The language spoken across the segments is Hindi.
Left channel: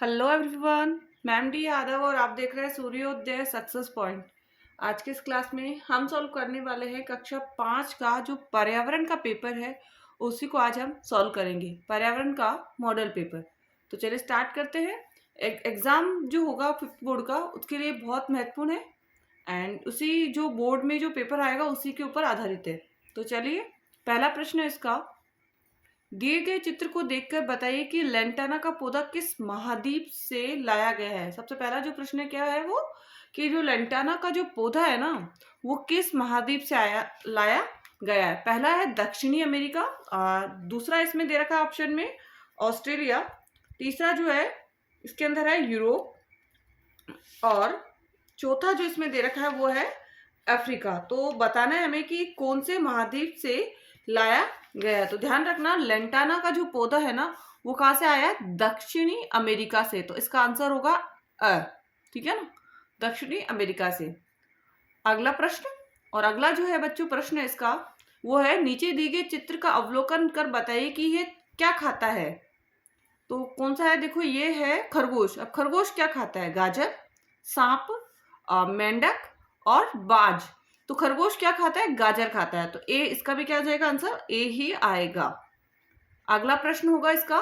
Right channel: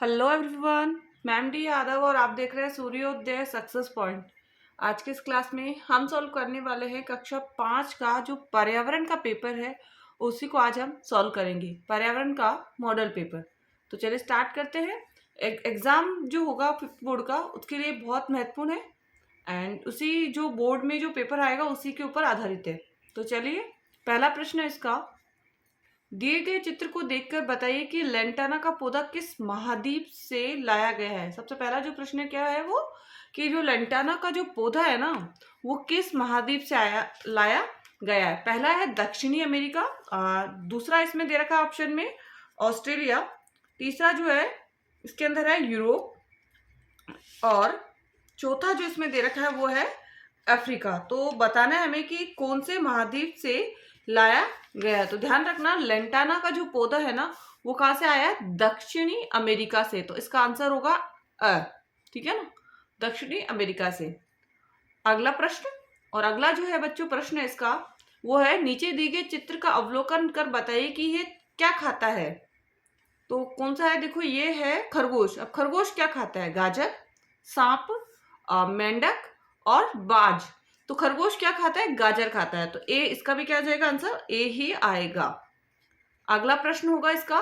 Hello everyone. Ma'am D Yadav और आप देख रहे हैं सूर्योदय सक्सेस पॉइंट। आज के इस क्लास में हम सॉल्व करने वाले हैं कक्षा 5 का जो पर्यावरण का पेपर है, उसी को आज हम सॉल्व करेंगे, पर्यावरण का मॉडल पेपर। तो चलिए स्टार्ट करते हैं। एग्ज़ाम जो होगा फिफ्थ बोर्ड का, उसके लिए बहुत महत्वपूर्ण है एंड उसी जो बोर्ड में जो पेपर आएगा उसी के ऊपर आधारित है। तो चलिए, पहला प्रश्न है इसका, दिए गए चित्र को देखकर बताइए कि लेंटाना का पौधा किस महाद्वीप से लाया गया है। सबसे पहला जो प्रश्न क्या है वो, कि जो लेंटाना का जो पौधा है ना, वो किस महाद्वीप से लाया गया है। पहला है दक्षिणी अमेरिका, दूसरा इसमें दे रखा है ऑप्शन में ऑस्ट्रेलिया, तीसरा जो है इसके अंदर है यूरोप, और चौथा जो इसमें दे रखा है वो है अफ्रीका। तो बताना है हमें कि कौन से महाद्वीप से लाया गया है। तो ध्यान रखना, लेंटाना का जो पौधा है ना, वो कहाँ से आया है? दक्षिणी अमेरिका से। तो इसका आंसर होगा अ। ठीक है ना, दक्षिणी अमेरिका से। अगला प्रश्न, और अगला जो है बच्चों प्रश्न है इसका, वो है नीचे दिए गए चित्र का अवलोकन कर बताइए कि ये क्या खाता है। तो कौन सा है? देखो, ये है खरगोश। अब खरगोश क्या खाता है? गाजर, सांप, मेंढक और बाज। तो खरगोश क्या खाता है? गाजर खाता है। तो ए, इसका भी क्या आ जाएगा आंसर? ए ही आएगा। अगला प्रश्न होगा इसका,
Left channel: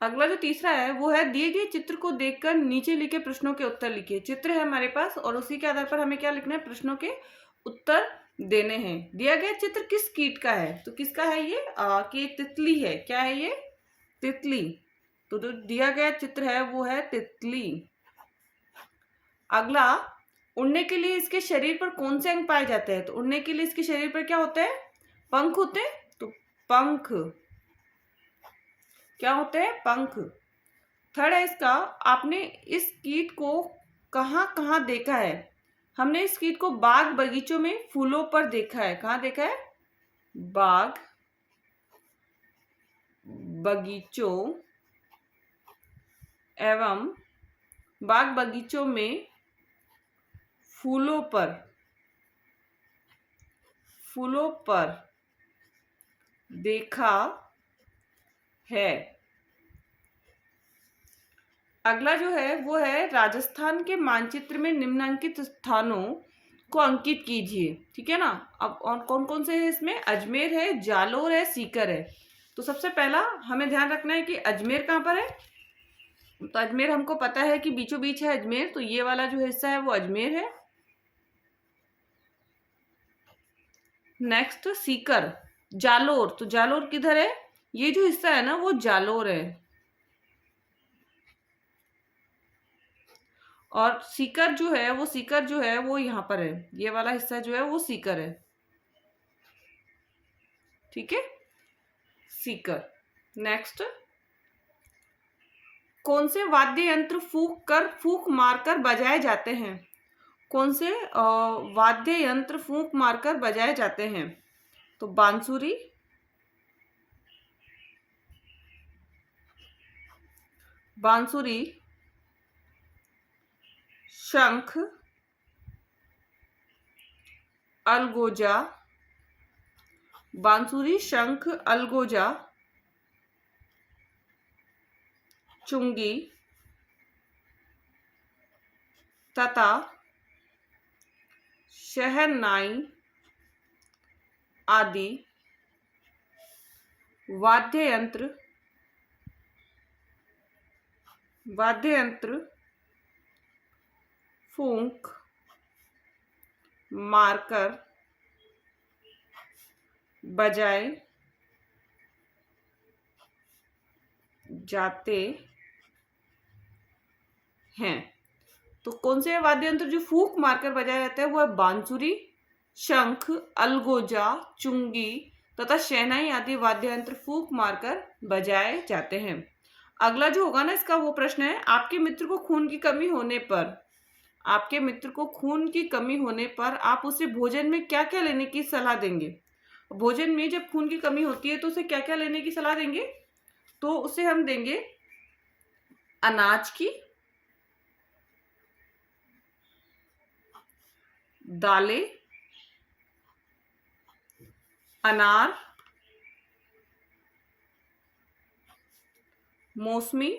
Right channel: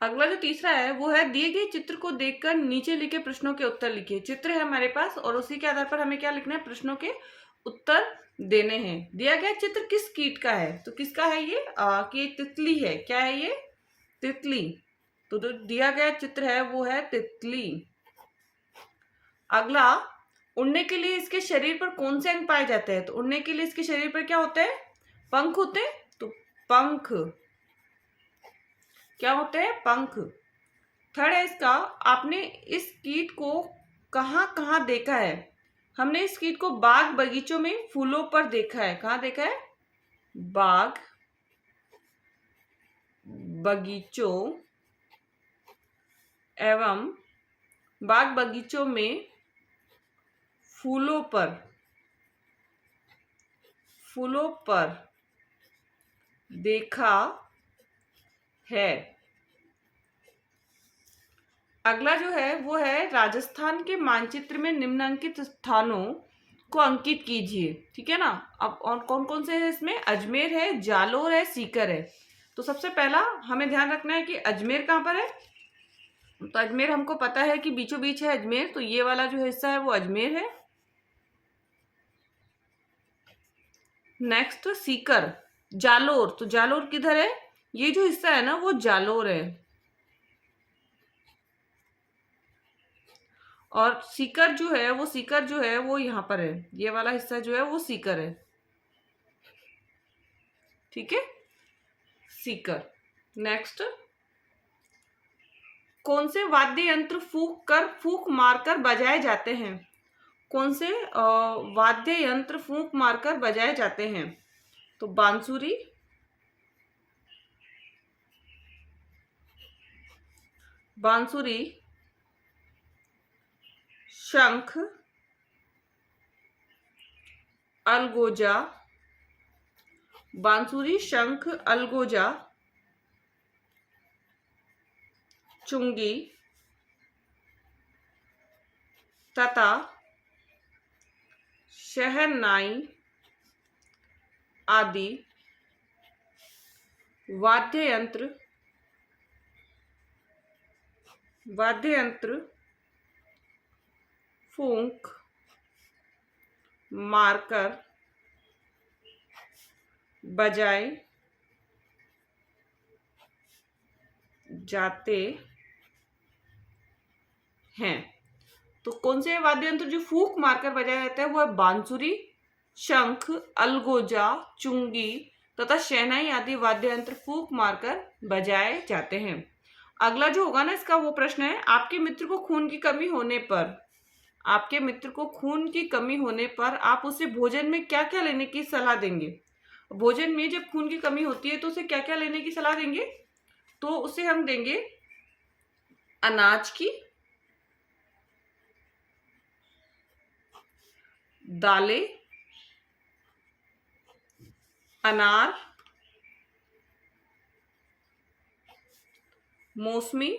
अगला जो तीसरा है वो है दिए गए चित्र को देखकर नीचे लिखे प्रश्नों के उत्तर लिखिए। चित्र है हमारे पास और उसी के आधार पर हमें क्या लिखना है? प्रश्नों के उत्तर देने हैं। दिया गया चित्र किस कीट का है? तो किसका है ये? कि तितली है। क्या है ये? तितली। तो जो दिया गया चित्र है वो है तितली। अगला, उड़ने के लिए इसके शरीर पर कौन से अंग पाए जाते हैं? तो उड़ने के लिए इसके शरीर पर क्या होते हैं? पंख होते हैं। तो पंख, क्या होते हैं? पंख। थर्ड है इसका, आपने इस कीट को कहाँ कहाँ देखा है? हमने इस कीट को बाग बगीचों में फूलों पर देखा है। कहाँ देखा है? बाग बगीचों एवं बाग बगीचों में फूलों पर देखा है। अगला जो है वो है राजस्थान के मानचित्र में निम्नलिखित स्थानों को अंकित कीजिए। ठीक है ना। अब और कौन कौन से है इसमें? अजमेर है, जालोर है, सीकर है। तो सबसे पहला हमें ध्यान रखना है कि अजमेर कहाँ पर है। तो अजमेर हमको पता है कि बीचों बीच है अजमेर, तो ये वाला जो हिस्सा है वो अजमेर है। नेक्स्ट सीकर, जालोर। तो जालोर किधर है? ये जो हिस्सा है ना वो जालोर है। और सीकर जो है वो यहाँ पर है। ये वाला हिस्सा जो है वो सीकर है। ठीक है, सीकर। नेक्स्ट, कौन से वाद्य यंत्र फूक मारकर बजाए जाते हैं? कौन से वाद्य यंत्र फूक मारकर बजाए जाते हैं? तो बांसुरी, शंख, अलगोजा, बांसुरी, शंख, अलगोजा, चुंगी तथा शहनाई आदि वाद्य यंत्र फूंक मारकर बजाए जाते हैं। तो कौन से वाद्य यंत्र जो फूंक मारकर बजाया जाता है वो है बांसुरी, शंख, अलगोजा, चुंगी तथा शहनाई आदि वाद्य यंत्र फूंक मारकर बजाए जाते हैं। अगला जो होगा ना इसका वो प्रश्न है, आपके मित्र को खून की कमी होने पर आप उसे भोजन में क्या क्या लेने की सलाह देंगे? भोजन में जब खून की कमी होती है तो उसे क्या क्या लेने की सलाह देंगे? तो उसे हम देंगे अनाज की, दालें, अनार, मौसमी,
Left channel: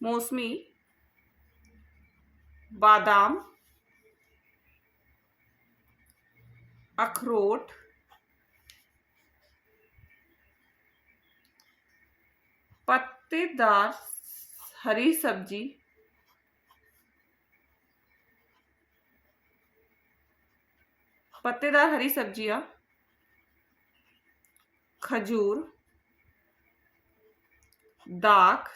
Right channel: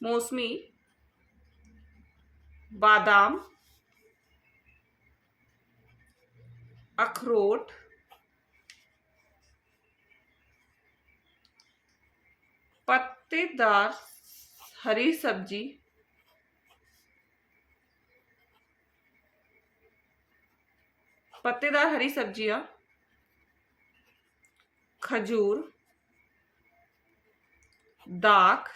मौसमी, बादाम, अखरोट, पत्तेदार हरी सब्जी, पत्तेदार हरी सब्जियां, खजूर, दाख,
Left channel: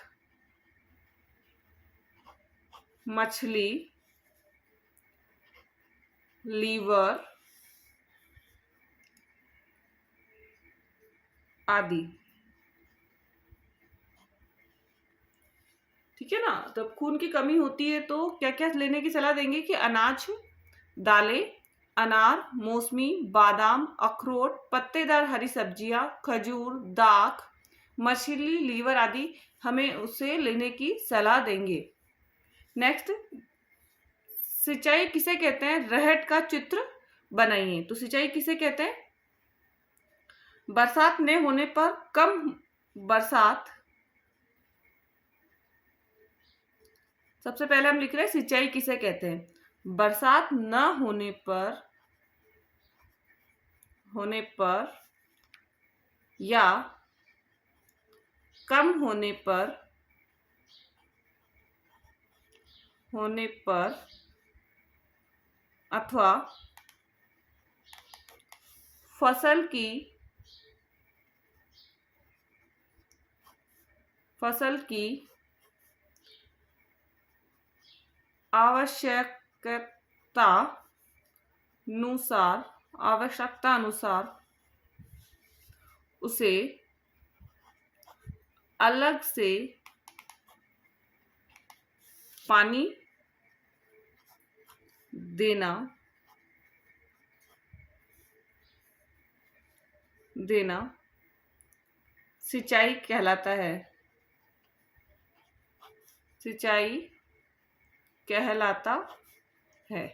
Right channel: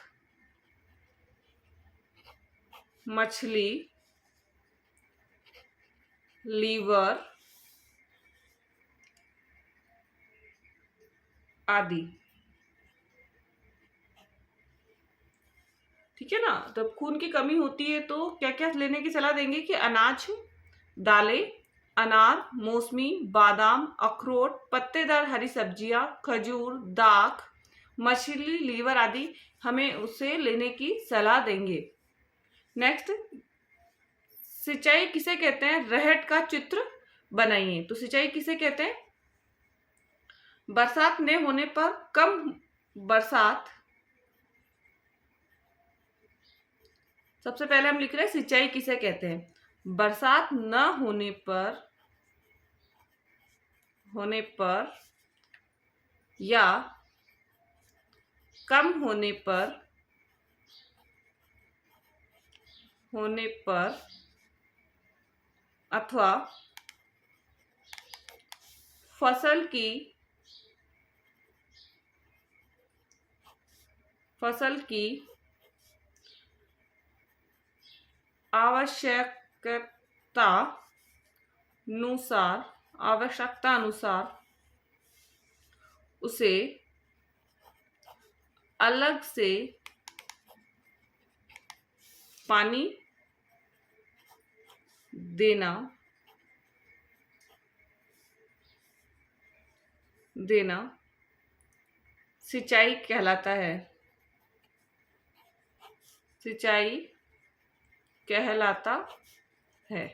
मछली, लीवर आदि। ठीक है ना। तब खून की कमी होती है तो क्या क्या लेने की सलाह देंगे कि अनाज, दालें, अनार, मौसमी, बादाम, अखरोट, पत्तेदार हरी सब्जियां, खजूर, दाख, मछली, लीवर आदि हमें उसे लेने की सलाह देंगे। नेक्स्ट, सिंचाई किसे कहते हैं? रहट का चित्र बनाइए। तो सिंचाई किसे कहते हैं? बरसात न होने पर, कम बरसात, सबसे पहले हम लिख रहे हैं सिंचाई किसे कहते हैं? बरसात न होने पर या कम होने पर अथवा फसल की आवश्यकता अनुसार उसे अलग से पानी देना सिंचाई कहलाता है। सिंचाई कहलाता है।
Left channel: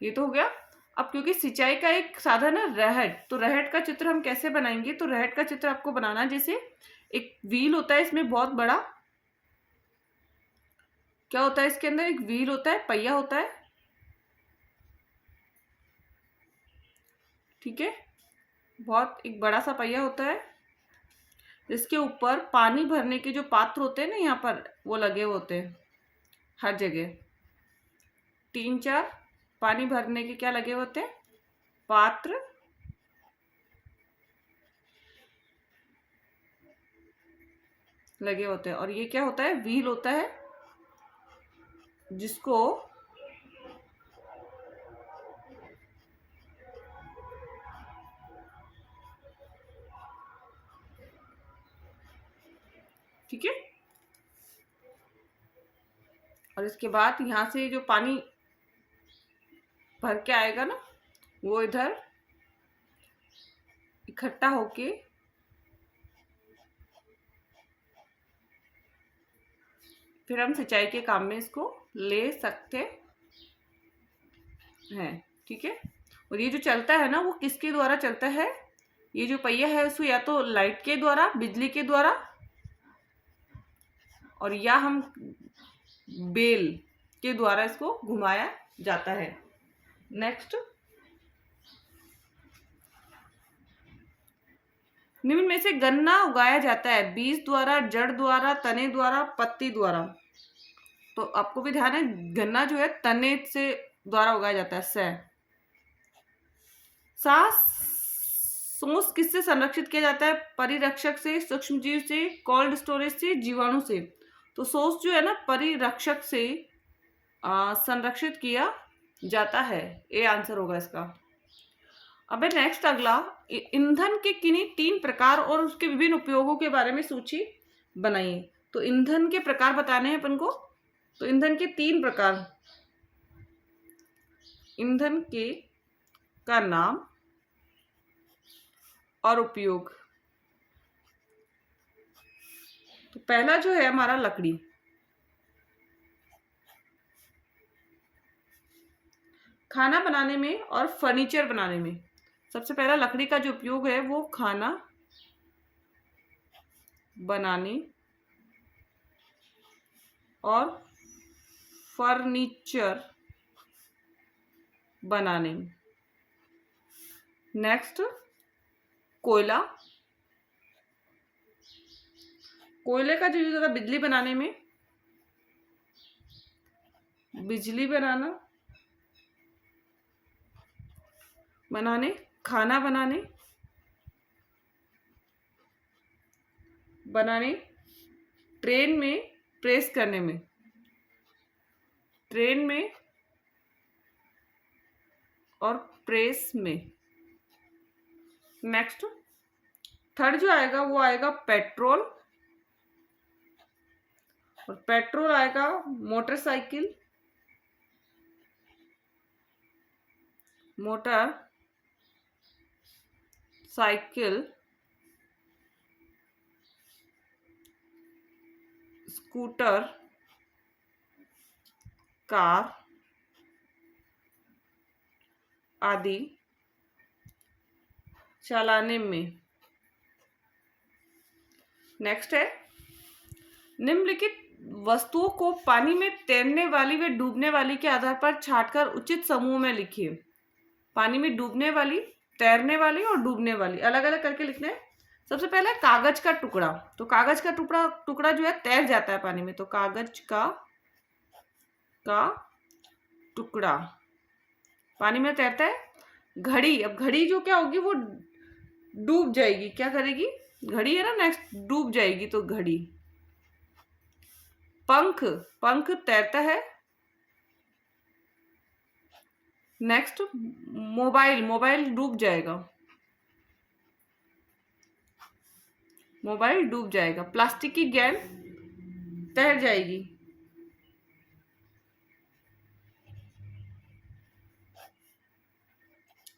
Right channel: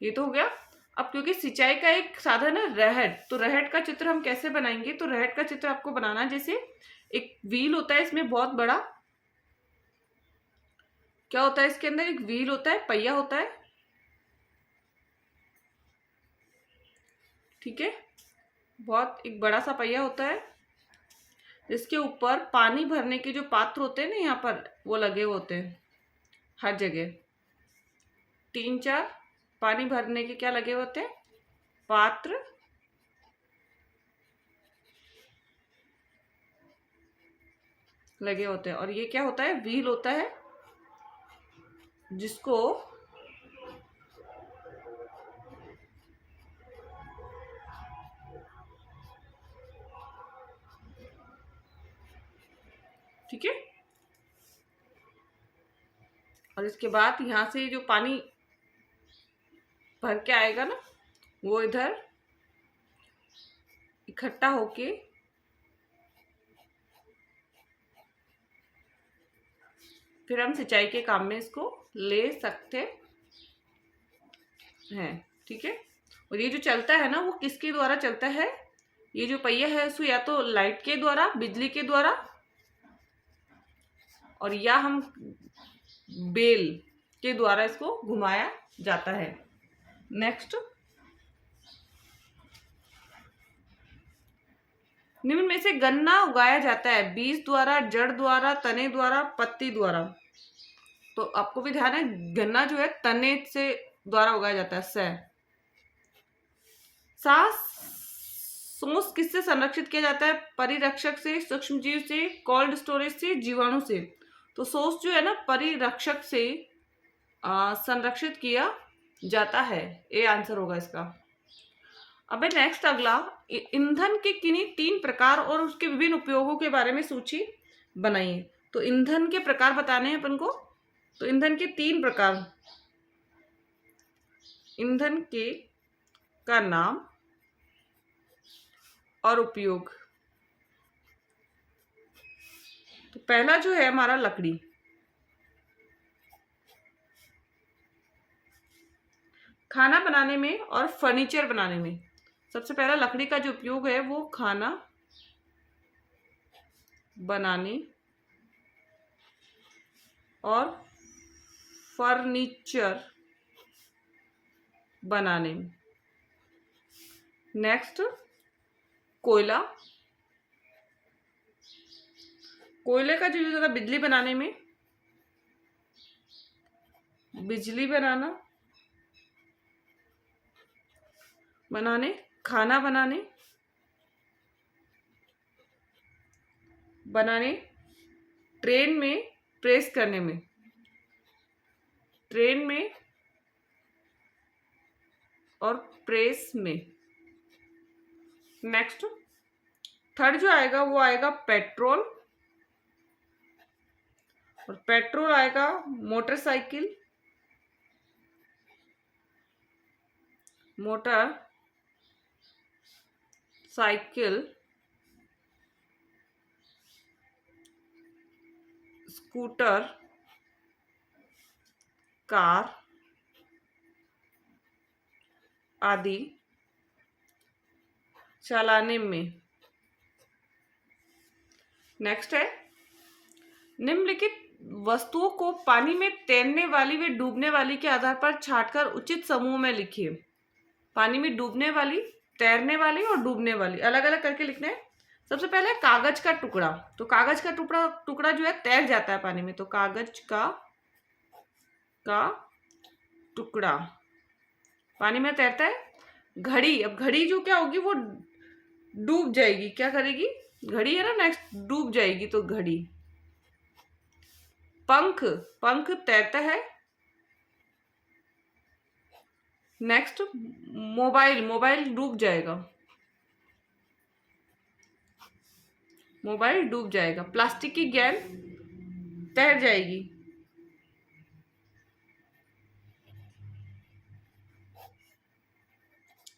ये तो हो गया। अब क्योंकि सिंचाई का एक साधन है रहट, तो रहट का चित्र हम कैसे बनाएंगे? तो रहट का चित्र आपको बनाना है जैसे एक व्हील होता है, इसमें बहुत बड़ा क्या होता है? इसके अंदर एक व्हील होता है, पहिया होता है। ठीक है, बहुत एक बड़ा सा पहिया होता है जिसके ऊपर पानी भरने के जो पात्र होते हैं ना, यहाँ पर वो लगे होते हैं हर जगह। 3-4 पानी भरने के क्या लगे होते हैं? पात्र लगे होते हैं। और ये क्या होता है? व्हील होता है जिसको ठीक है। और इसके बाद यहाँ से जो पानी भर के आएगा ना, वो इधर इकट्ठा होके फिर हम सिंचाई के काम में इसको ले सकते हैं। ठीक है। और ये जो चलता है ना, वो किसके द्वारा चलता है? ये जो पहिया है उसको या तो लाइट के द्वारा, बिजली के द्वारा, और या हम बेल के द्वारा इसको घुमाया जाता है। नेक्स्ट, निम्न में से गन्ना उगाया जाता है बीज द्वारा, जड़ द्वारा, तने द्वारा, पत्ती द्वारा। तो आपको भी ध्यान है, गन्ना जो है तने से द्वारा उगाया जाता है। सोस किससे संरक्षित किया जाता है? परिरक्षक से, सूक्ष्मजीव से, कोल्ड स्टोरेज से, जीवाणु से। तो सोस जो है ना, परिरक्षक से संरक्षित किया जाता है। ये आंसर होगा इसका। अब नेक्स्ट अगला, ईंधन के किन्हीं 3 प्रकार और उसके विभिन्न उपयोगों के बारे में सूची बनाइए। तो ईंधन के प्रकार बताने हैं अपन को। तो ईंधन के 3 प्रकार, ईंधन के का नाम और उपयोग। तो पहला जो है हमारा लकड़ी। खाना बनाने में और फर्नीचर बनाने में सबसे पहला लकड़ी का जो उपयोग है वो खाना बनाने और फर्नीचर बनाने में। नेक्स्ट, कोयला, कोयले का यूज होता है बिजली बनाने में, बिजली बनाने, खाना बनाने, ट्रेन में प्रेस करने में, ट्रेन में और प्रेस में। नेक्स्ट, थर्ड जो आएगा वो आएगा पेट्रोल, और पेट्रोल आएगा मोटरसाइकिल, स्कूटर, कार आदि चलाने में। नेक्स्ट है, निम्नलिखित वस्तुओं को पानी में तैरने वाली व डूबने वाली के आधार पर छांटकर उचित समूह में लिखिए। पानी में डूबने वाली, तैरने वाली और डूबने वाली अलग अलग करके लिखने हैं। सबसे पहले कागज का टुकड़ा, तो कागज का टुकड़ा जो है तैर जाता है पानी में, तो कागज का टुकड़ा पानी में तैरता है। घड़ी, अब घड़ी जो क्या होगी वो डूब जाएगी, क्या करेगी, घड़ी है ना, नेक्स्ट डूब जाएगी तो घड़ी। पंख तैरता है। नेक्स्ट, मोबाइल डूब जाएगा, मोबाइल डूब जाएगा। प्लास्टिक की गेंद तैर जाएगी,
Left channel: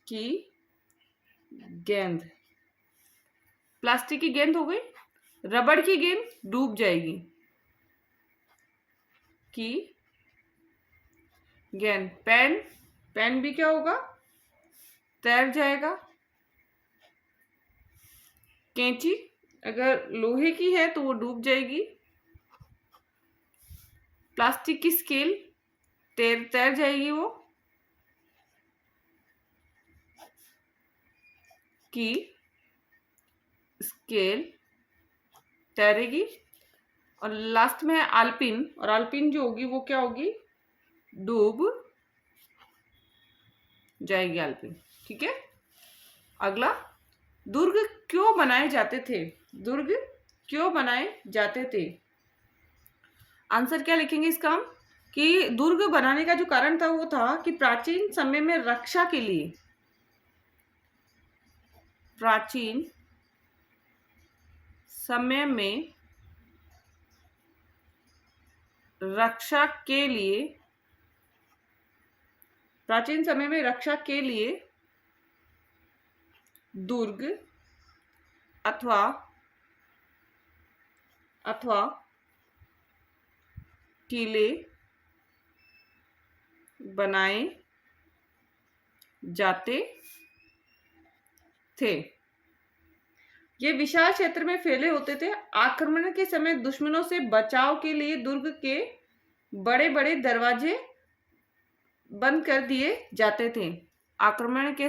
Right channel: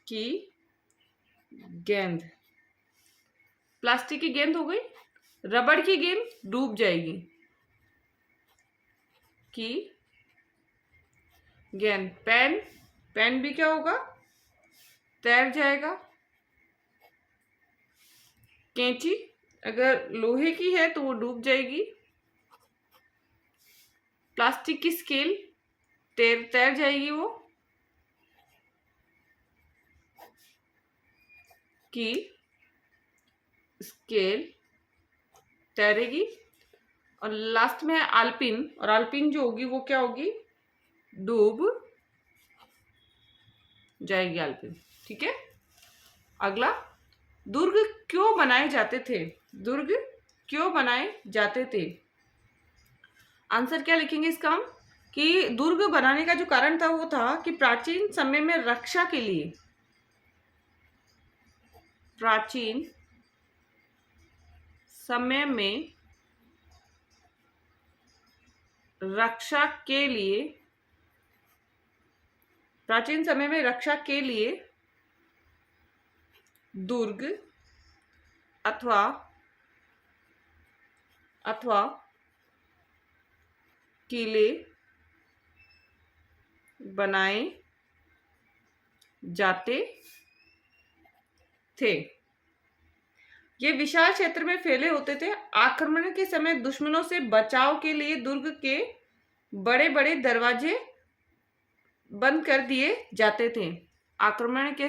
की गेंद, प्लास्टिक की गेंद हो गई। रबड़ की गेंद डूब जाएगी, की गेंद। पेन भी क्या होगा, तैर जाएगा। कैंची अगर लोहे की है तो वो डूब जाएगी। प्लास्टिक की स्केल तैर जाएगी, वो की स्केल तैरेगी। और लास्ट में है आल्पिन, और आल्पिन जो होगी वो क्या होगी, डूब जाएगी आल्पिन। ठीक है। अगला, दुर्ग क्यों बनाए जाते थे, दुर्ग क्यों बनाए जाते थे। आंसर क्या लिखेंगे इसका हम, कि दुर्ग बनाने का जो कारण था वो था कि प्राचीन समय में रक्षा के लिए, प्राचीन समय में रक्षा के लिए, प्राचीन समय में रक्षा के लिए दुर्ग अथवा किले बनाए जाते थे। ये विशाल क्षेत्र में फैले होते थे। आक्रमण के समय दुश्मनों से बचाव के लिए दुर्ग के बड़े बड़े दरवाजे बंद कर दिए जाते थे। आक्रमण के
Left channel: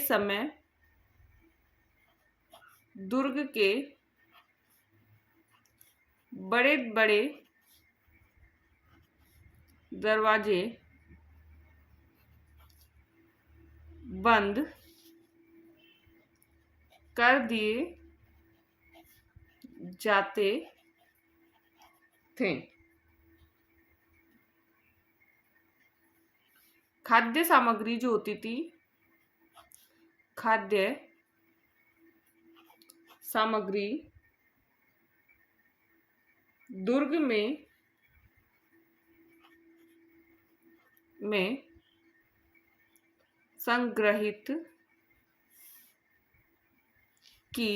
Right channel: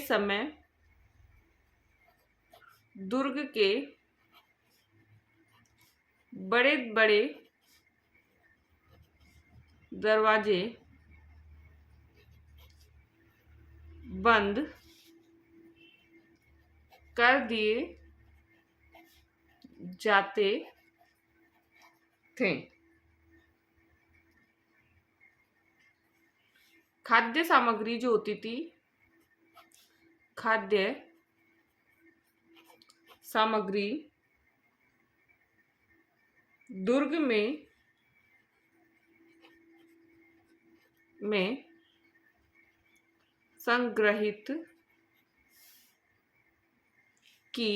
समय दुर्ग के बड़े बड़े दरवाजे बंद कर दिए जाते थे। खाद्य सामग्री जो होती थी, खाद्य सामग्री दुर्ग में संग्रहित की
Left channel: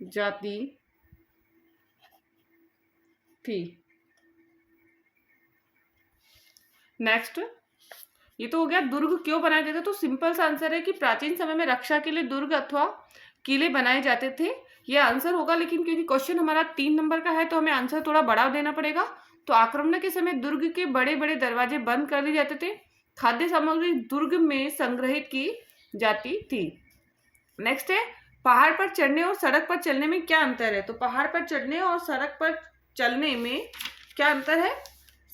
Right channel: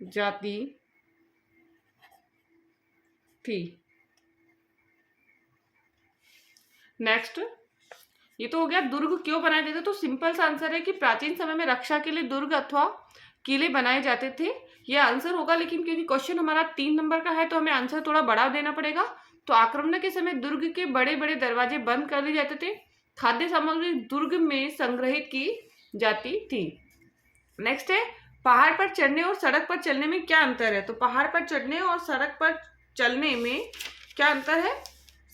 जाती थी। नेक्स्ट, ये तो हो गया दुर्ग क्यों बनाए जाते थे। तो सिंपल सा आंसर है कि प्राचीन समय में रक्षा के लिए दुर्ग अथवा किले बनाए जाते थे, ये आंसर होगा। लेकिन क्योंकि क्वेश्चन हमारा 3 नंबर का है तो हमें आंसर थोड़ा बड़ा देना पड़ेगा। तो आक्रमण के समय दुर्ग के बड़े बड़े दरवाजे बंद कर लिए जाते थे, खाद्य सामग्री दुर्ग में संग्रहित की जाती थी। नेक्स्ट है, पहाड़ पर चढ़ने और सड़क पर चलने में क्या अंतर है। तो पहाड़ पर चढ़ने और सड़क पर चलने में क्या अंतर है।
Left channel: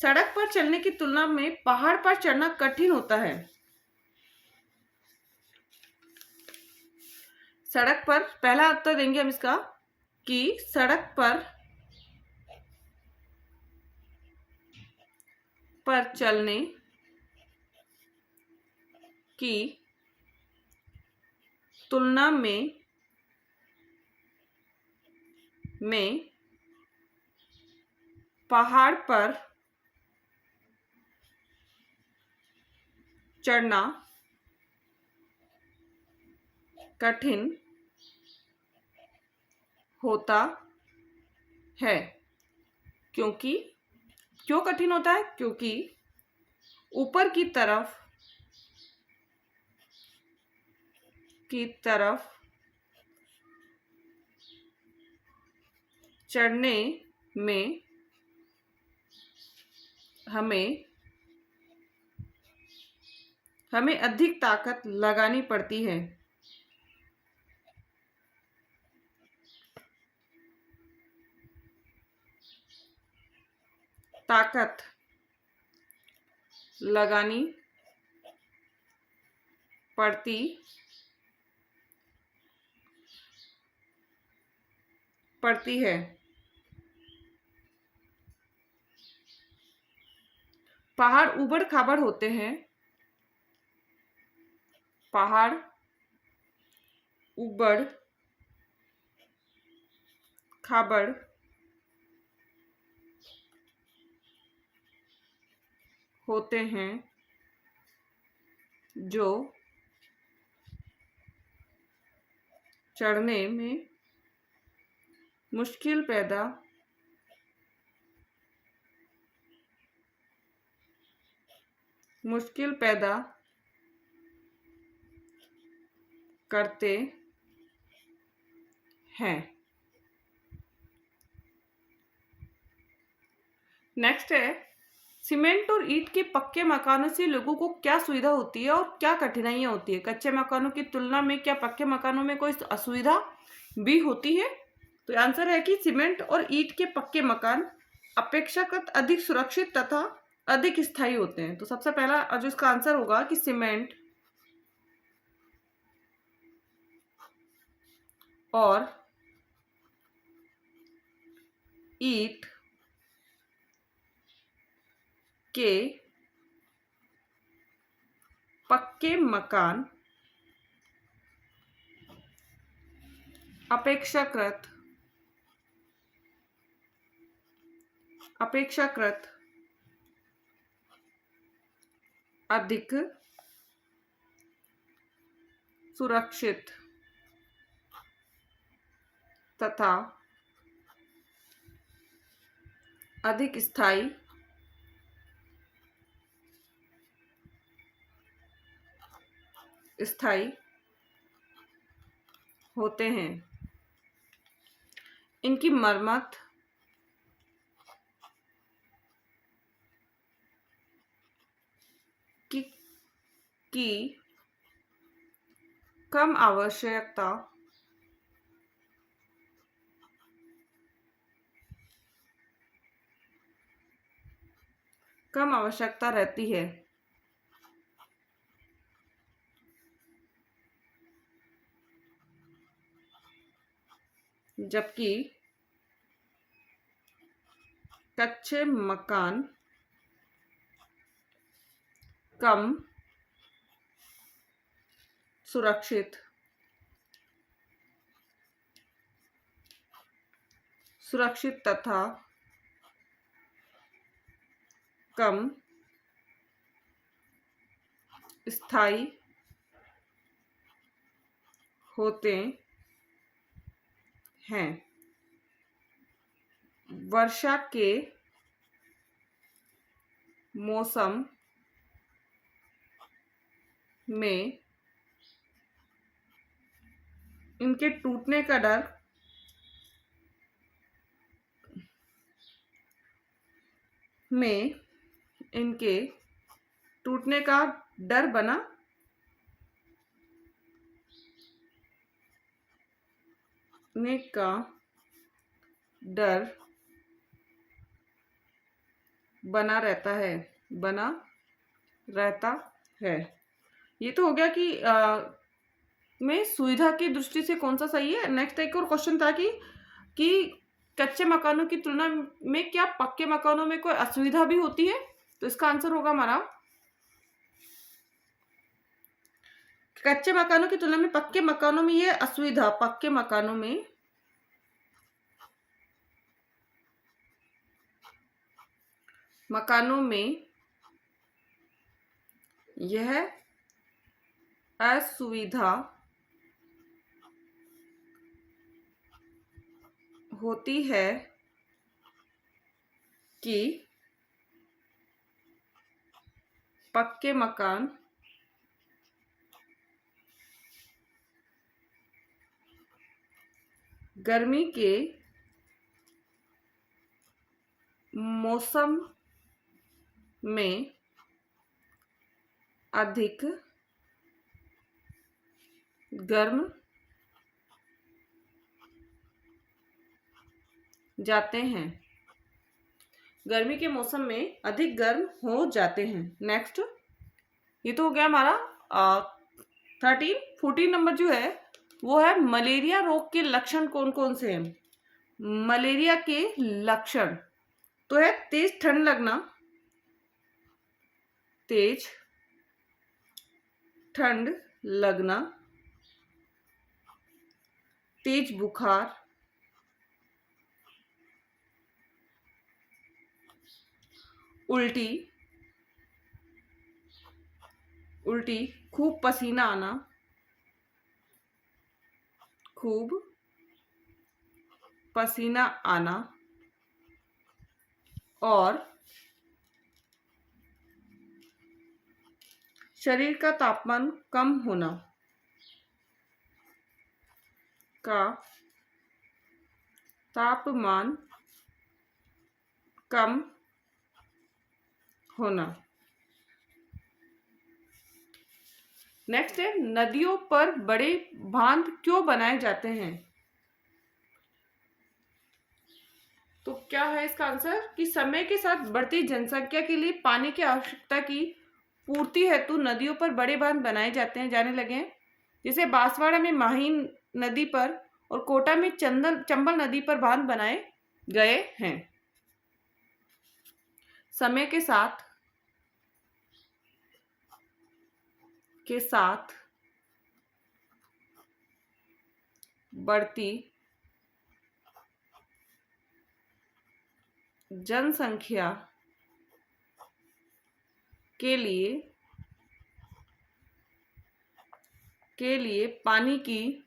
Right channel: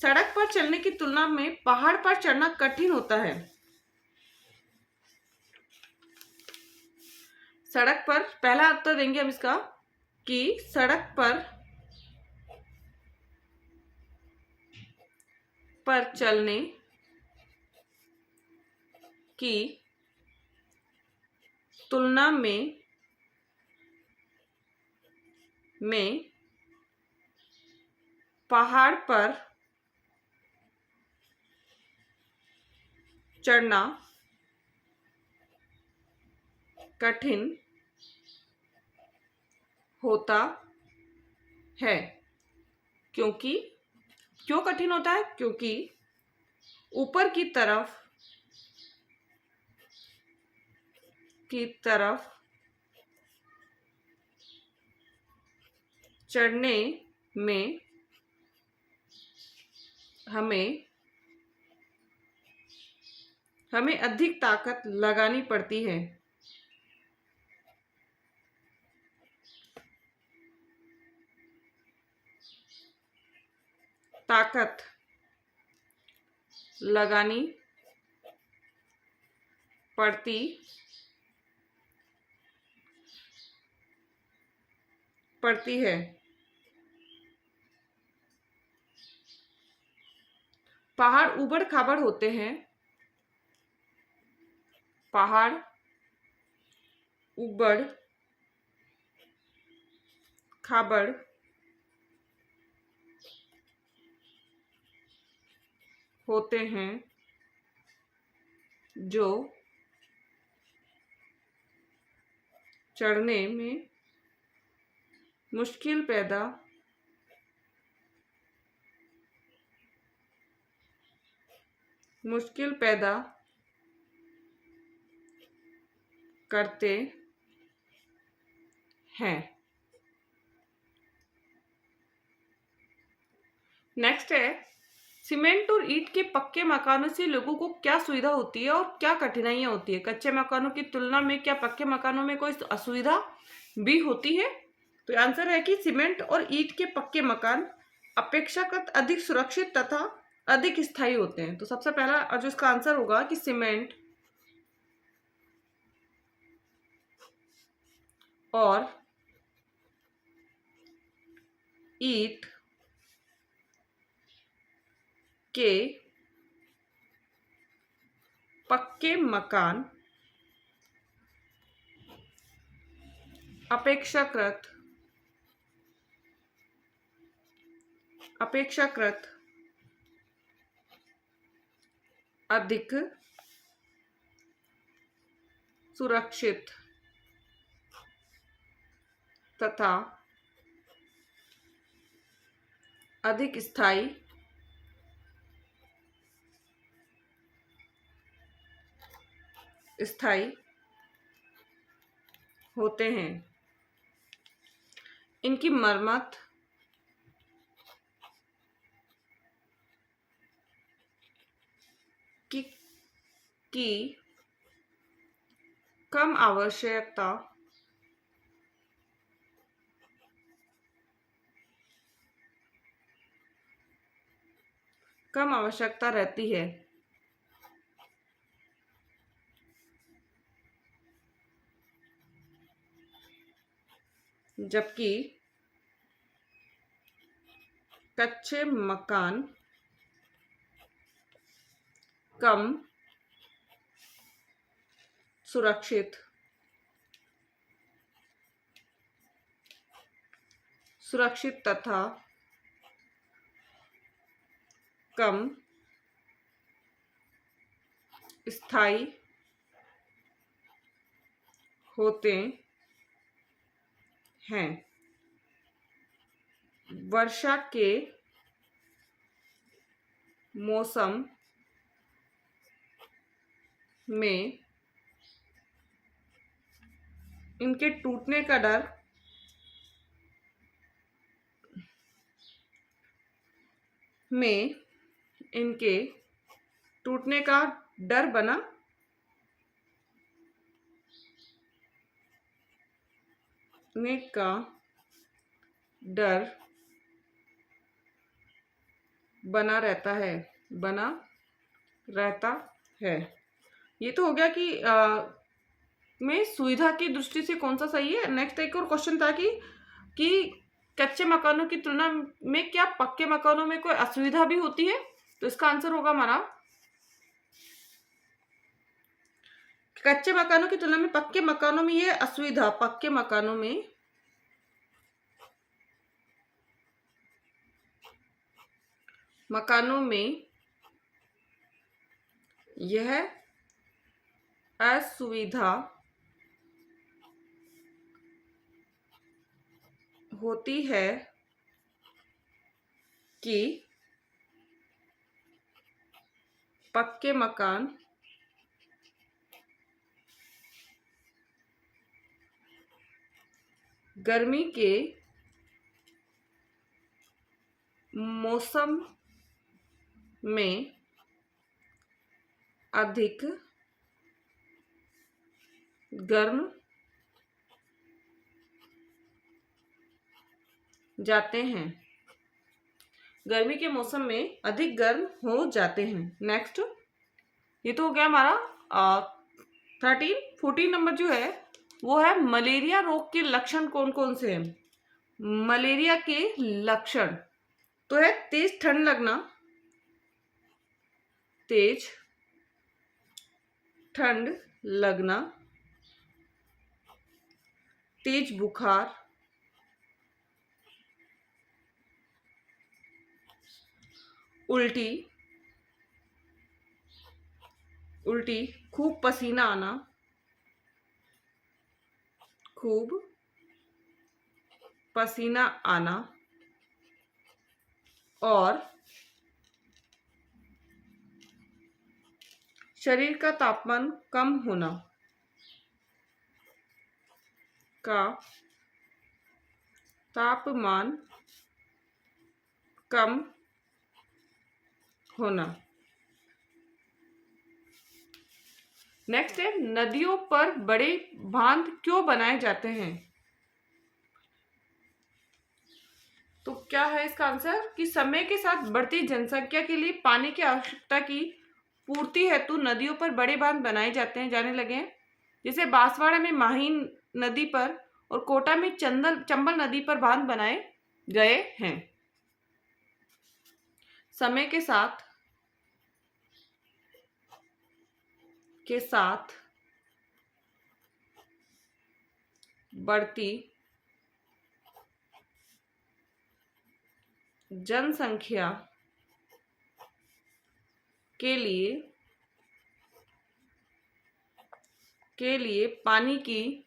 सड़क पर चलने की तुलना में पहाड़ पर चढ़ना कठिन होता है। सड़क पर, पहला उत्तर देंगे हम इसका कि सड़क पर चलने की तुलना में पहाड़ पर चढ़ना कठिन होता है। क्योंकि क्यों कठिन होता है, क्योंकि ऊपर की तरफ चढ़ने में हमें अधिक ताकत लगानी पड़ती है। ताकत लगानी पड़ती है। पहाड़ ऊबड़ खाबड़ होते हैं। पहाड़ ऊबड़ खाबड़ होते हैं जो चढ़ने में मुश्किल पैदा करते हैं। नेक्स्ट है, सीमेंट और ईंट के पक्के मकानों से लोगों को क्या सुविधा होती है और क्या कठिनाइयां होती है। कच्चे मकानों की तुलना में क्या पक्के मकानों में कोई असुविधा भी होती है। तो आंसर है कि सीमेंट और ईंट के पक्के मकान अपेक्षाकृत अधिक सुरक्षित तथा अधिक स्थायी होते हैं। तो सबसे पहला जो इसका आंसर होगा कि सीमेंट और ईंट के पक्के मकान अपेक्षाकृत अधिक सुरक्षित तथा अधिक स्थायी होते हैं। इनकी मरम्मत की कम आवश्यकता रहती है। जबकि कच्चे मकान कम सुरक्षित तथा कम स्थायी होते हैं। वर्षा के मौसम में इनके टूटने का डर में इनके टूटने का डर बना ने का डर बना रहता है, बना रहता है। ये तो हो गया कि में सुविधा की दृष्टि से कौन सा सही है। नेक्स्ट एक और क्वेश्चन था कि कच्चे मकानों की तुलना में क्या पक्के मकानों में कोई असुविधा भी होती है? तो इसका आंसर होगा हमारा कच्चे मकानों की तुलना में पक्के मकानों में ये असुविधा, पक्के मकानों में यह असुविधा होती है कि पक्के मकान गर्मी के मौसम में अधिक गर्म जाते हैं, गर्मी के मौसम में अधिक गर्म हो जाते हैं। नेक्स्ट ये तो हो गया हमारा 14 नंबर जो है वो है मलेरिया रोग के लक्षण कौन कौन से हैं। मलेरिया के लक्षण तो है तेज ठंड लगना, तेज ठंड लगना, तेज बुखार, उल्टी, खूब पसीना आना, खूब पसीना आना और शरीर का तापमान कम होना का तापमान कम होना। नेक्स्ट है नदियों पर बड़े बांध क्यों बनाए जाते हैं। तो क्या है इसका आंसर कि समय के साथ बढ़ती जनसंख्या के लिए पानी की आवश्यकता की पूर्ति हेतु नदियों पर बड़े बांध बनाए जाने लगे हैं। जैसे बांसवाड़ा में माहिन नदी पर और कोटा में चंबल नदी पर बांध बनाए गए हैं। समय के साथ बढ़ती जनसंख्या के लिए पानी की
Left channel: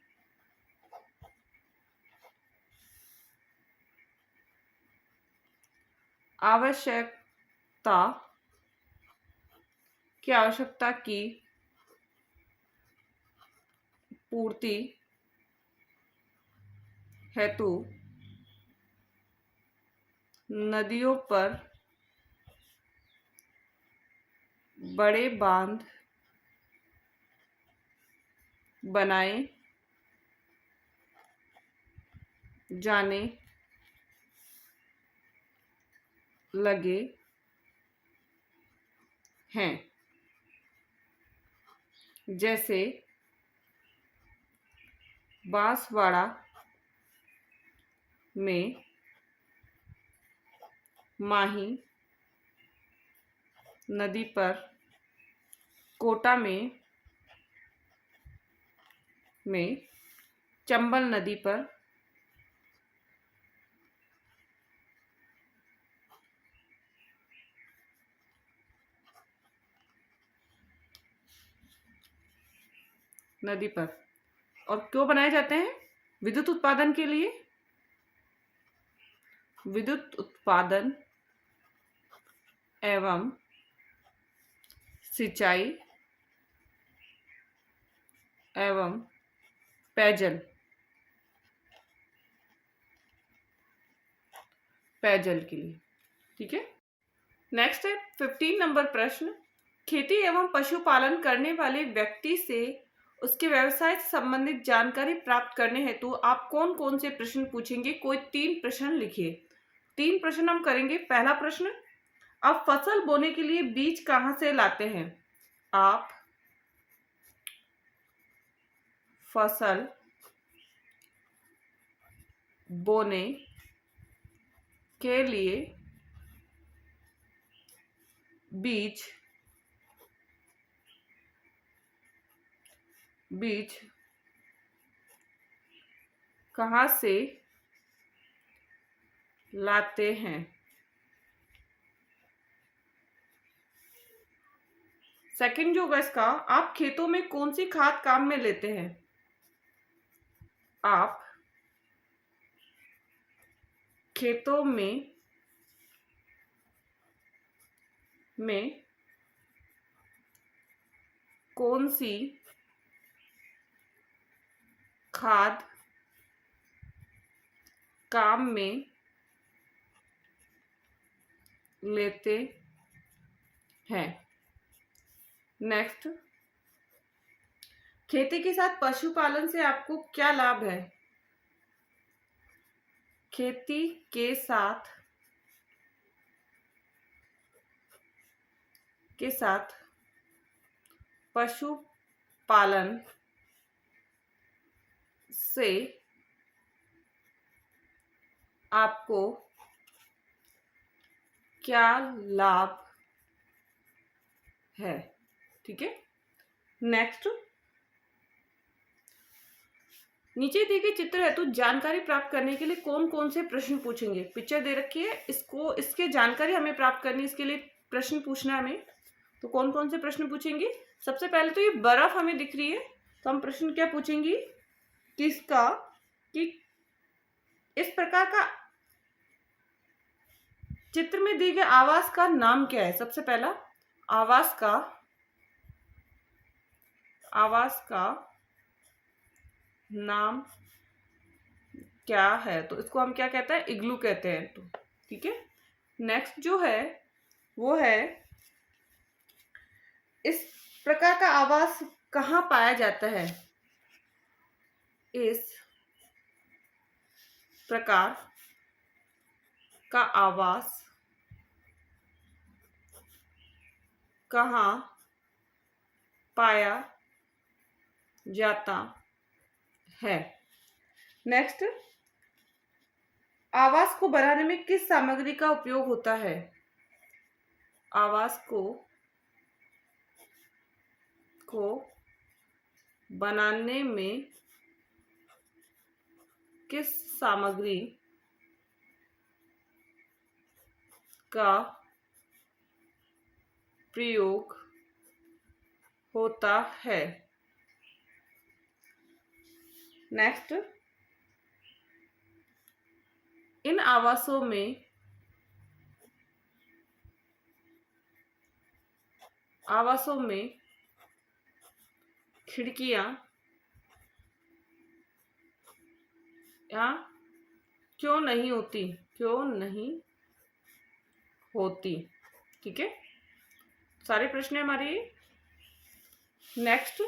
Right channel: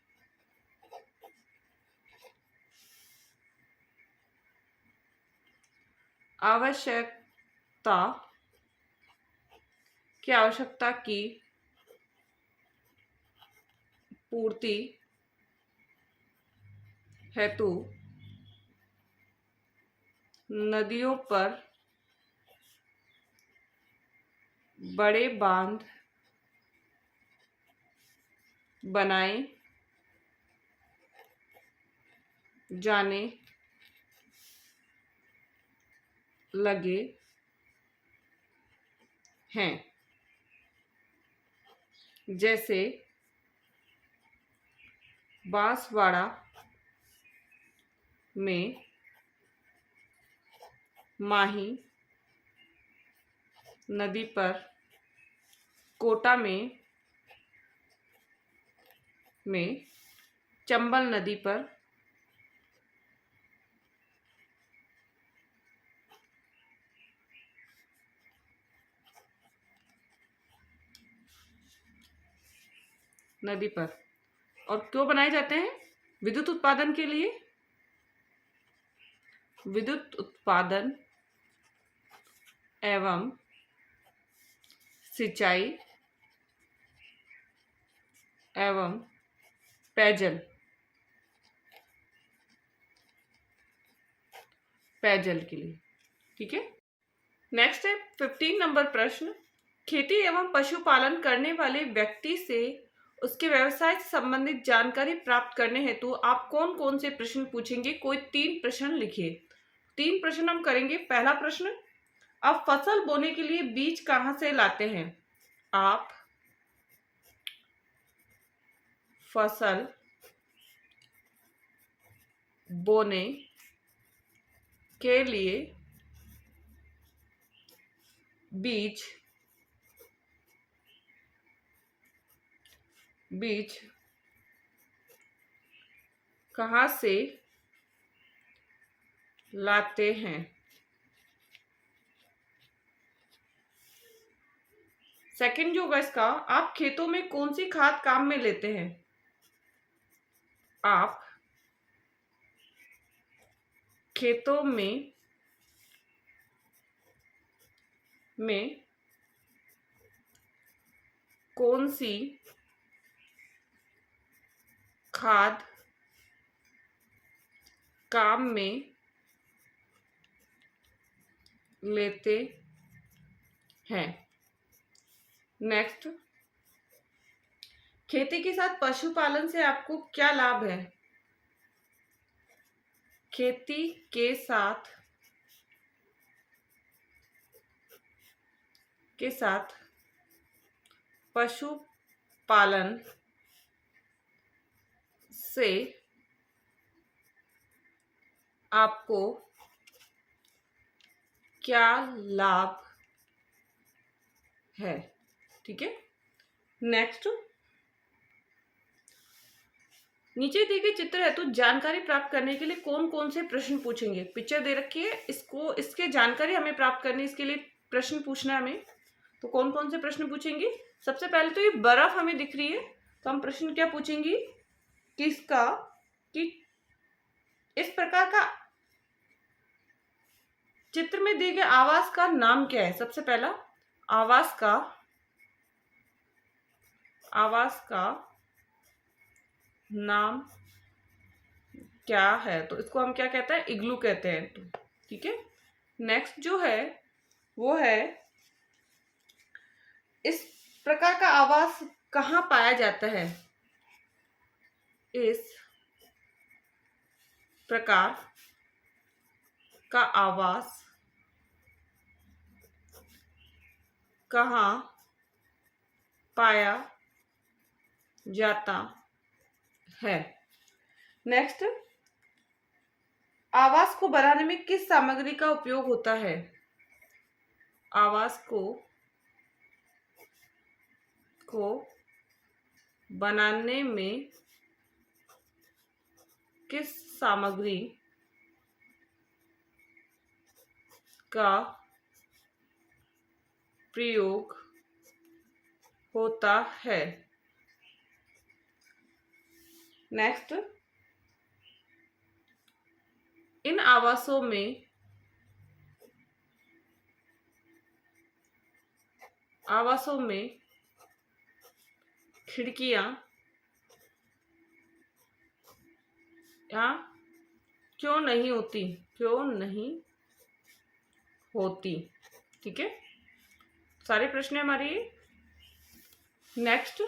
आवश्यकता की पूर्ति हेतु नदियों पर बड़े बांध बनाए जाने लगे हैं। जैसे बांसवाड़ा में माही नदी पर, कोटा में चंबल नदी पर, और क्यों बनाए जाते हैं? विद्युत उत्पादन के लिए, विद्युत उत्पादन एवं सिंचाई एवं पेयजल पेयजल के लिए। ठीक है। नेक्स्ट है 15 नंबर प्रश्न। खेती एवं पशुपालन करने वाले व्यक्ति से उसके व्यवसाय से संबंधित जानकारी प्राप्त करने हेतु आप कौन कौन से प्रश्न पूछेंगे? कोई 3 प्रश्न लिखिए। 3 प्रश्न हम करेंगे। पहला प्रश्न, आप फसल बोने के लिए बीज कहाँ से लाते हैं? आप फसल बोने के लिए बीज कहाँ से लाते हैं? सेकंड जो होगा इसका, आप खेतों में कौन सी खाद काम में लेते हैं? आप खेतों में कौन सी खाद काम में लेते हैं? नेक्स्ट, खेती के साथ पशुपालन से आपको क्या लाभ है? खेती के साथ पशुपालन से आपको क्या लाभ है? ठीक है। नेक्स्ट, नीचे दिए गए चित्र है तो जानकारी प्राप्त करने के लिए कौन कौन से प्रश्न पूछेंगे? पिक्चर दे रखी है, इसके जानकारी हमें प्राप्त करनी है, इसके लिए प्रश्न पूछना है हमें। तो कौन कौन से प्रश्न पूछेंगे? सबसे पहले तो ये बर्फ हमें दिख रही है, तो हम प्रश्न क्या पूछेंगे कि इस प्रकार का चित्र में दिए गए आवास का नाम क्या है? सबसे पहला, आवास का नाम क्या है? तो इसको हम क्या कहते हैं? इग्लू कहते हैं। तो ठीक है। नेक्स्ट जो है वो है, इस प्रकार का आवास कहाँ पाया जाता है? इस प्रकार का आवास कहाँ पाया जाता है? नेक्स्ट, आवास को बनाने में किस सामग्री का उपयोग होता है? आवास को बनाने में किस सामग्री का प्रयोग होता है? नेक्स्ट, इन आवासों में खिड़कियां क्यों नहीं होती? ठीक है। सारे प्रश्न है हमारे। नेक्स्ट,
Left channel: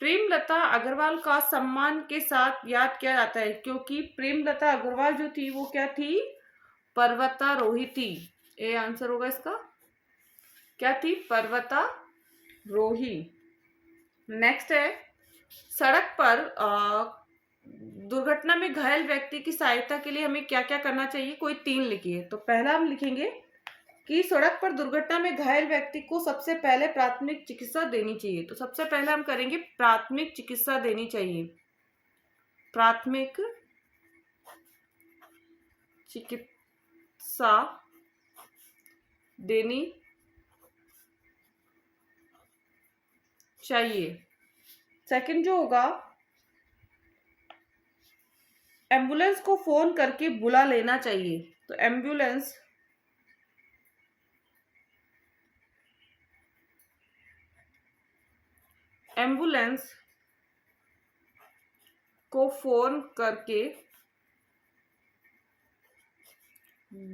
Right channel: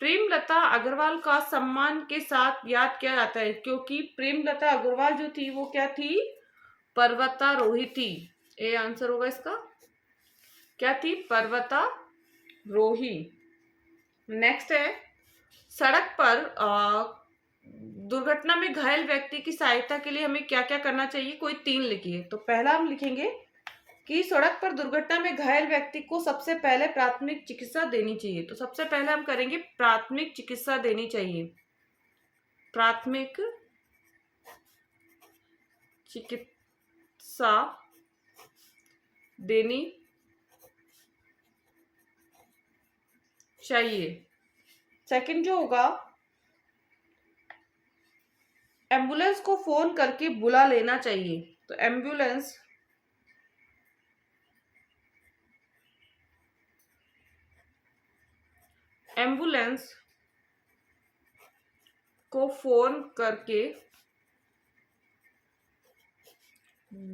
प्रेमलता अग्रवाल का सम्मान के साथ याद किया जाता है क्योंकि प्रेमलता अग्रवाल जो थी वो क्या थी? पर्वतारोही थी। ए आंसर होगा इसका। क्या थी? पर्वतारोही। नेक्स्ट है, सड़क पर दुर्घटना में घायल व्यक्ति की सहायता के लिए हमें क्या क्या करना चाहिए? कोई 3 लिखिए। तो पहला हम लिखेंगे कि सड़क पर दुर्घटना में घायल व्यक्ति को सबसे पहले प्राथमिक चिकित्सा देनी चाहिए। तो सबसे पहले हम करेंगे प्राथमिक चिकित्सा देनी चाहिए। प्राथमिक चिकित्सा देनी चाहिए। सेकंड जो होगा, एम्बुलेंस को फोन करके बुला लेना चाहिए। तो एम्बुलेंस को फोन करके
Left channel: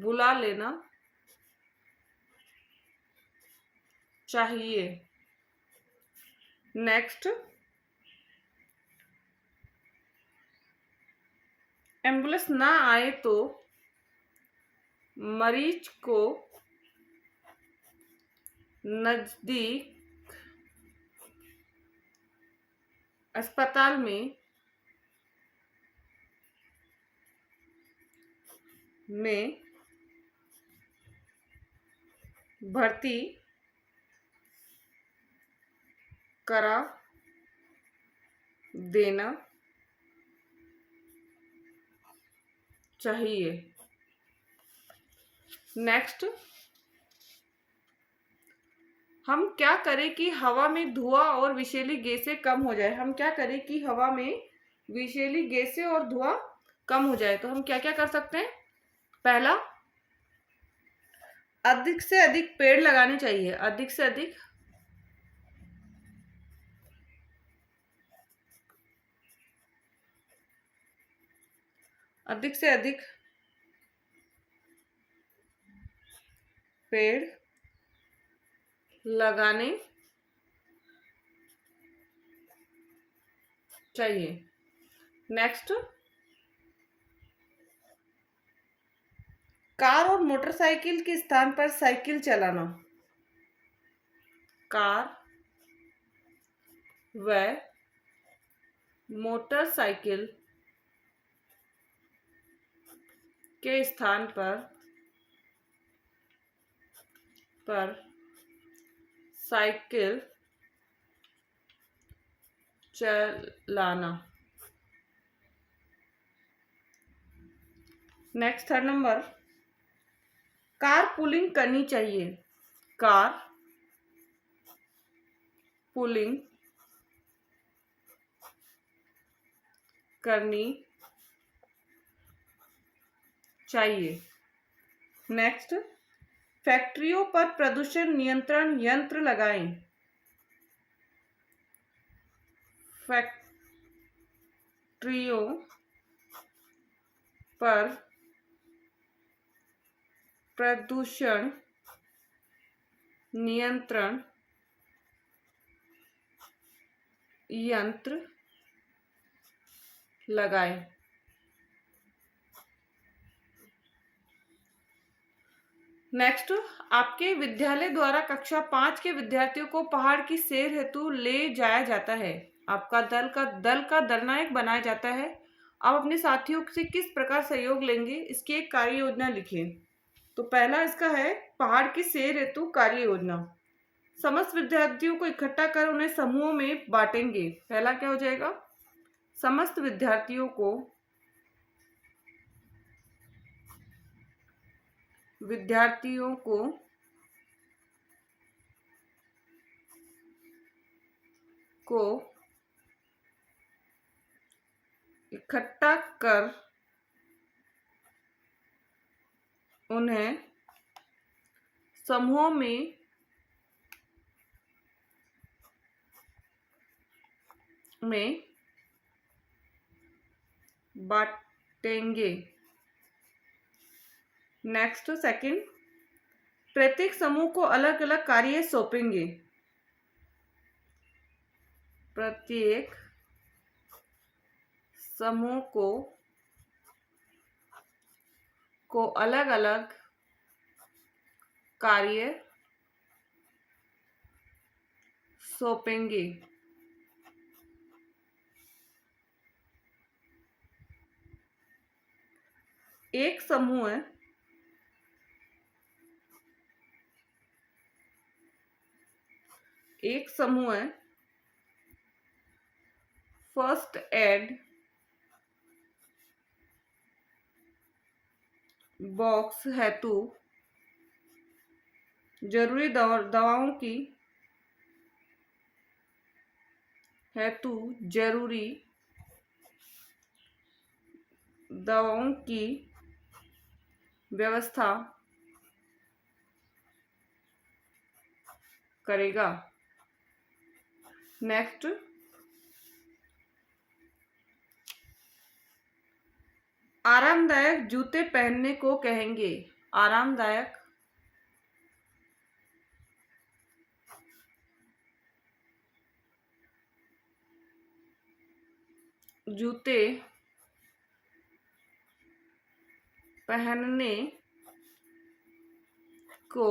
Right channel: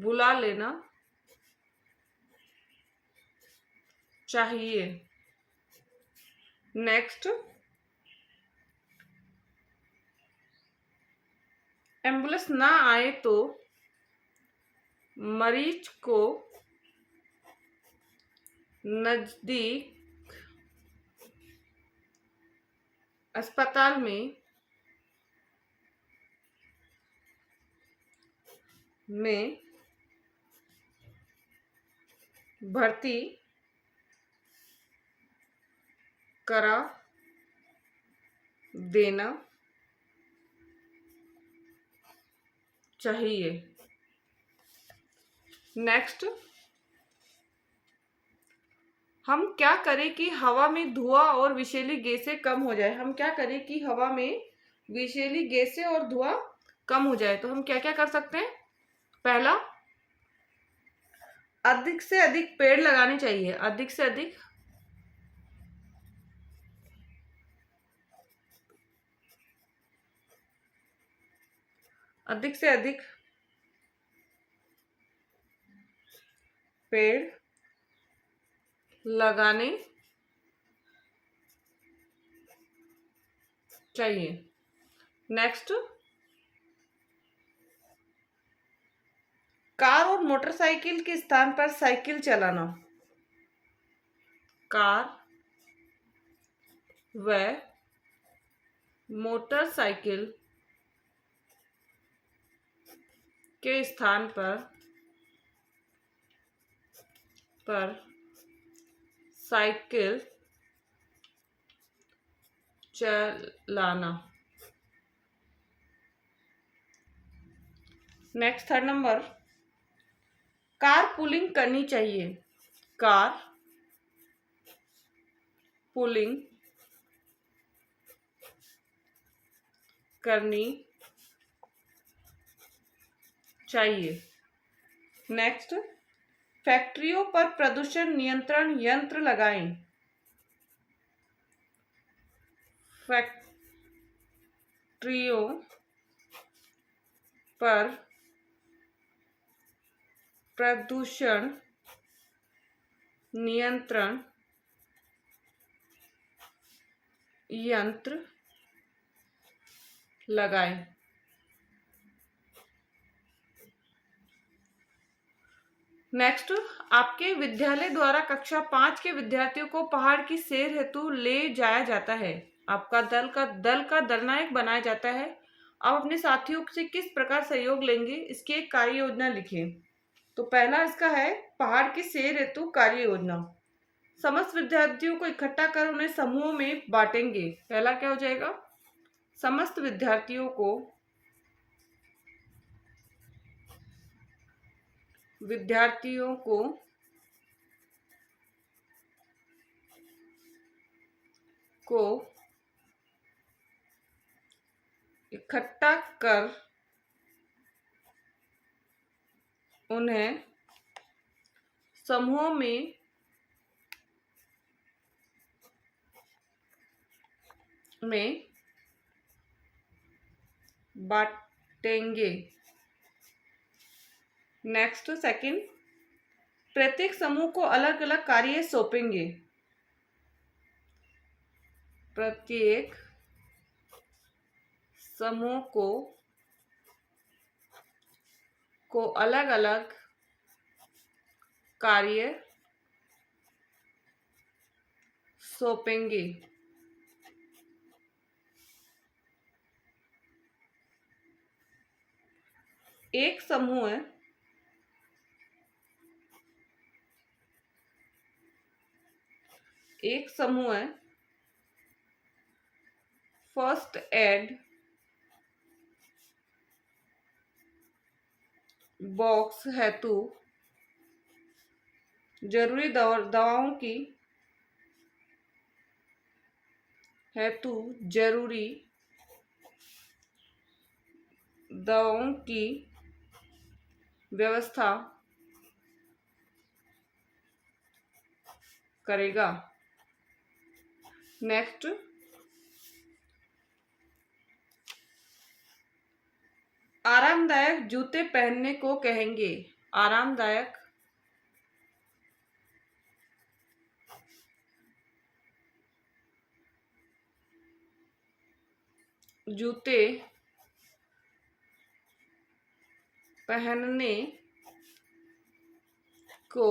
बुला लेना चाहिए। नेक्स्ट, एम्बुलेंस ना आए तो मरीज को नजदीक अस्पताल में भर्ती करा देना चाहिए। नेक्स्ट, हम क्या करें कि हवा में धुआं और विषैली गैसें कम हो जाए। हम क्या करें कि हवा में विषैली गैसें और धुआं कम हो जाए। तो हम क्या क्या कर सकते हैं? पहला, अधिक से अधिक पेड़ लगाने चाहिए। अधिक से अधिक अधिक से अधिक पेड़ लगाने चाहिए। नेक्स्ट, कार और मोटरसाइकिल के स्थान पर साइकिल चलाना। कार व मोटरसाइकिल के स्थान पर साइकिल चलाना। Next, third number, car pulling करनी चाहिए। कार पुलिंग करनी चाहिए। नेक्स्ट, फैक्ट्रियों पर प्रदूषण नियंत्रण यंत्र लगाएं। फैक्ट्रियों पर प्रदूषण नियंत्रण यंत्र लगाएं। नेक्स्ट, आपके विद्यालय द्वारा कक्षा 5 के विद्यार्थियों को पहाड़ की सैर हेतु ले जाया जाता है। आपका दल का दलनायक बनाया जाता है। आप अपने साथियों से किस प्रकार सहयोग लेंगे, इसकी एक कार्य योजना लिखें। तो पहला इसका है पहाड़ की सैर हेतु कार्य योजना। समस्त विद्यार्थियों को इकट्ठा कर उन्हें समूहों में बांटेंगे। पहला क्या हो जाएगा? समस्त विद्यार्थियों को इकट्ठा कर उन्हें समूहों में बांटेंगे। नेक्स्ट, सेकंड, प्रत्येक समूह को अलग अलग कार्य सौंपेंगे। प्रत्येक समूह को अलग अलग कार्य सौंपेंगे। एक समूह फर्स्ट एड बॉक्स हेतु जरूरी दवाओं की व्यवस्था करेगा। नेक्स्ट, आरामदायक जूते पहनने को कहेंगे? आरामदायक जूते पहनने को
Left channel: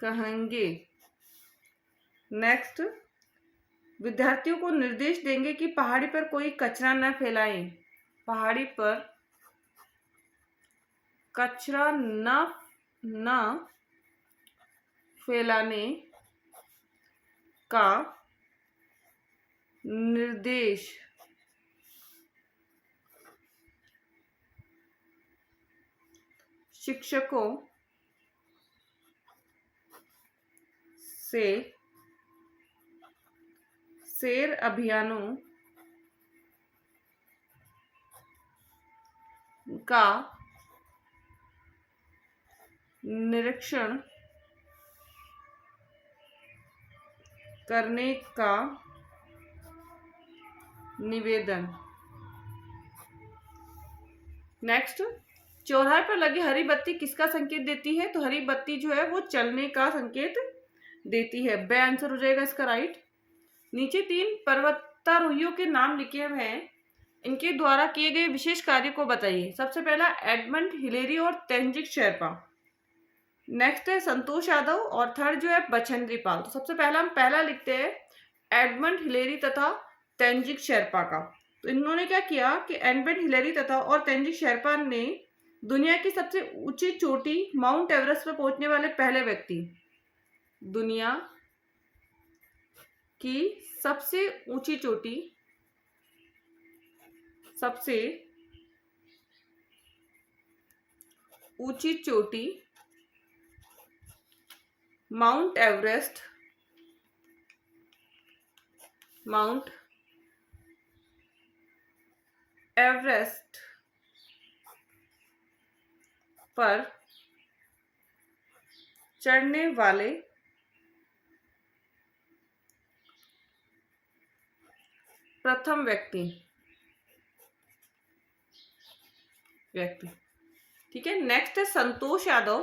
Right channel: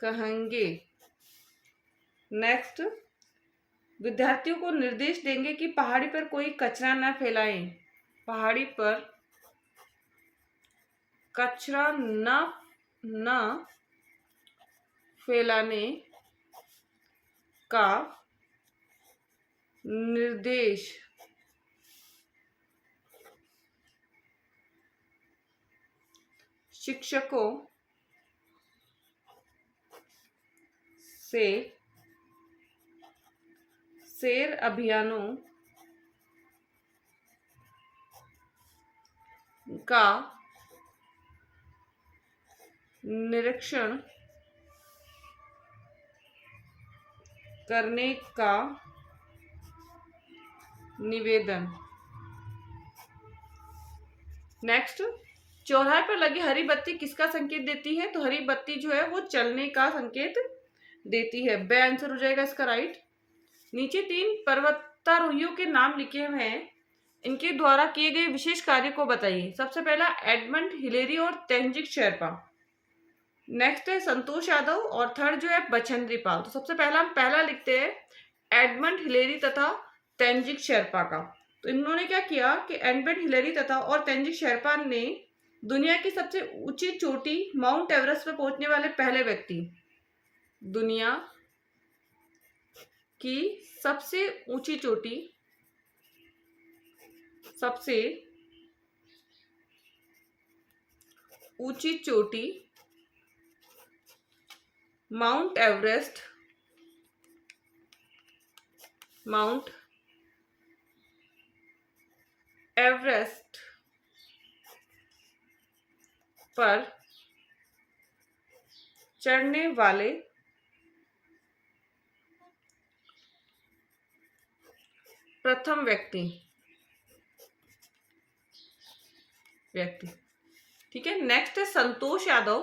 कहेंगे। नेक्स्ट, विद्यार्थियों को निर्देश देंगे कि पहाड़ी पर कोई कचरा न फैलाएं। पहाड़ी पर कचरा न फैलाने का निर्देश शिक्षकों से सैर अभियानों का निरीक्षण करने का निवेदन। नेक्स्ट, चौराहे पर लगी हरी बत्ती किसका संकेत देती है? तो हरी बत्ती जो है वो चलने का संकेत देती है। बे आंसर हो जाएगा इसका राइट। नीचे 3 पर्वतारोहियों के नाम लिखे हुए हैं, इनके द्वारा किए गए विशेष कार्य को बताइए। सबसे पहला एडमंड हिलेरी और तेंजिंग शेरपा। नेक्स्ट है संतोष यादव और थर्ड जो है बछेंद्री पाल। तो सबसे पहला हम पहला लिखते हैं एडमंड हिलेरी तथा तेंजिंग शेरपा का। तो इन्होंने क्या किया कि एडमंड हिलेरी तथा और तेंजिंग शेरपा ने दुनिया की सबसे ऊंची चोटी माउंट एवरेस्ट पर पहुंचने वाले पहले व्यक्ति, दुनिया की सबसे ऊंची चोटी, सबसे ऊंची चोटी माउंट एवरेस्ट पर चढ़ने वाले प्रथम व्यक्ति। ठीक है। नेक्स्ट है संतोष यादव